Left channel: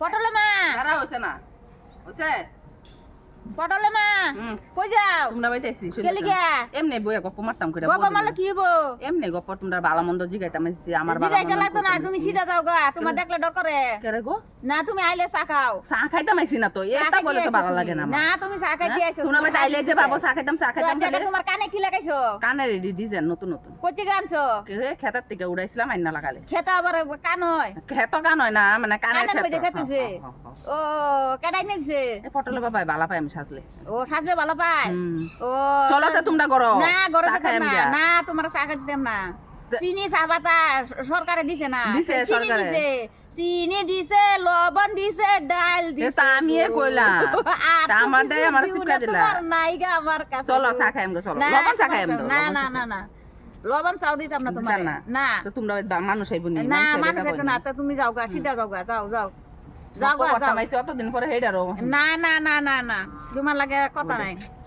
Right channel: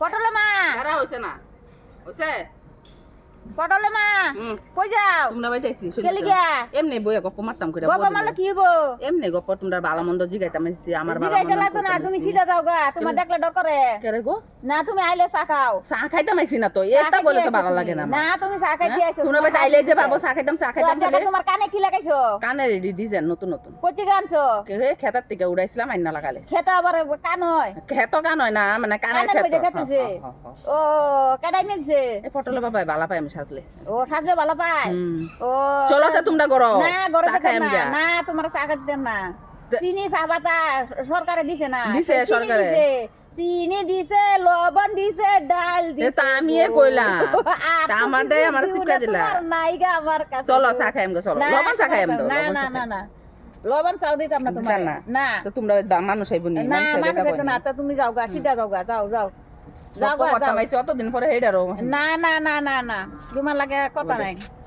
পটলে মা দাঁড়া হইছে না হইছে পটলে মা কই যাও তোমরা বাইতেছি কেলি গা এমনি বইয়া গপ্প মারতাম করে বাবা মালে কি হইবো এমনি গপ্প তোমরা ভালো মন্দ জিগাইতাম এসেছি আমার ভালো জিগাইতে লাগতো না তুমি সিধা যাও গা তোমার দেখলে ডর করে কেরে গো না তুমি আইলে চা খাও চা খাইতাম আইছি না তো এটা বলে তো ভালো লাগে না না তুমি চা খাইতে আইছো তোমরা বাইতে আইলে যে বাবু চা খাইতাম এটা তোমার কানে কি লাগাইছো কানে রেডি ডিজাইন নতুন নতুন কতি গানছো কে খেতার থেকে উড়াইছিলাম আইনা লাগালে সেটা আবার কান হয় খেত গান হয় না মানে কানে কানের মধ্যে খেতেছে ও কাটাই নিছে এই পটলে বাবা ভালো পাই আমি সাজলে ও সাজে ভালো পায় ও চলো তো তোমরা করো না গরম না তোমার চা খাইতে দেব না চিনি চা পাতা সরকারে দিছে না দিছে সরকারে চিনি দিছে লবণ দিছে ডাল দিছে তা আমি কইলাম তা আমার শিক্ষা দিলা নাই গা আমার কাছে চলো চা খাইম গো চলো লবণ চা খাইম তো না না না না লবণ চাও দিতাম না তোমার না তো তোমরা মানুষ আইবো নি না মানুষ আইতো না তো তুমি যাও গা সিধা যাও গা যাও যাও যাও গা যাও মাইছে অতদিন পরে হেডারো না না না না না তোমার লাগে কথা নাই